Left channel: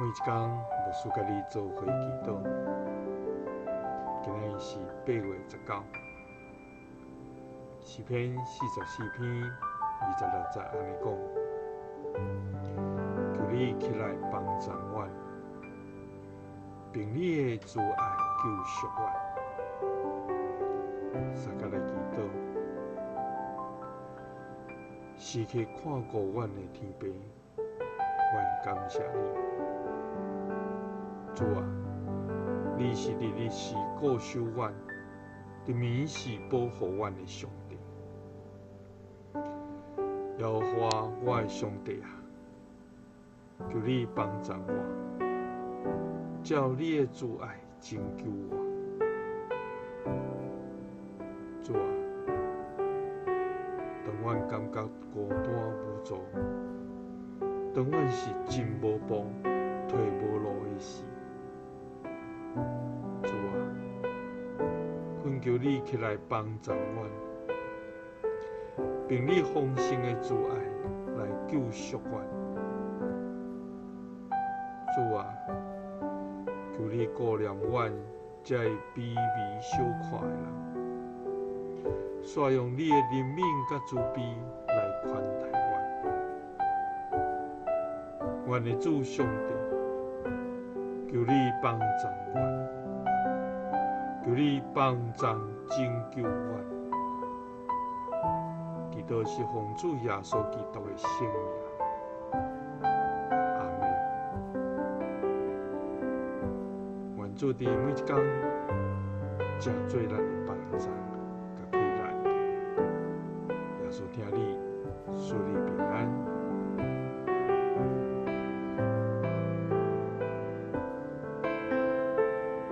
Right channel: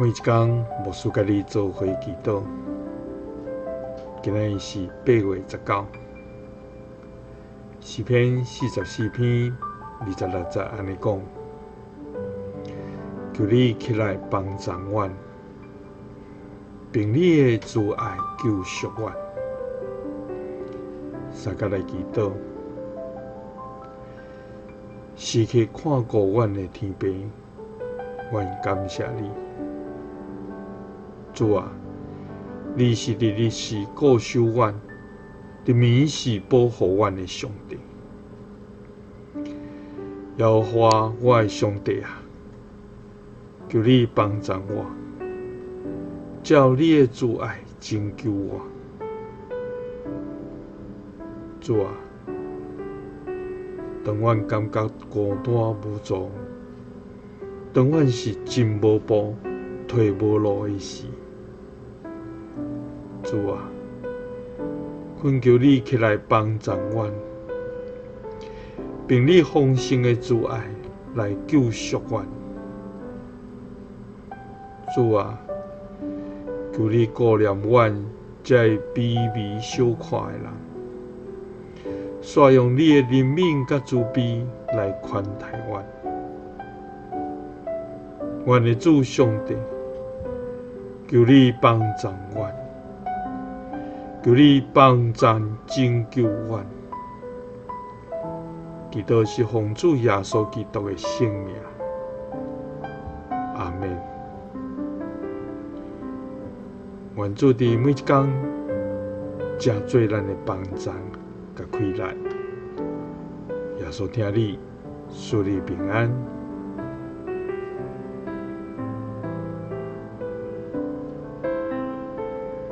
每一天，牧师甲你做伙祈祷。今仔日是8月19，诗篇44篇26节安尼讲：求你起来帮助阮，凭你的慈爱救赎阮。三甲来祈祷，时刻看顾阮的天父，阮感谢你。主啊，你是日日是顾守阮，日暝是保护阮的上帝。耶和华我的上帝啊，求你帮助我，照你的慈爱拯救我。主啊，当阮感觉孤单无助，当阮是进无步、退无路的时，主啊，恳求你起来帮助阮，并你丰盛的慈爱来救赎阮。主啊，求你顾念阮这卑微小看的人，煞用你的怜悯甲慈悲来款待阮。阮的主上帝，求你帮助阮，求你帮助拯救阮。祈祷是奉主耶稣基督的圣名，阿们。愿主伫每一天，正做咱的帮助甲开来。耶稣听你，祝你平安。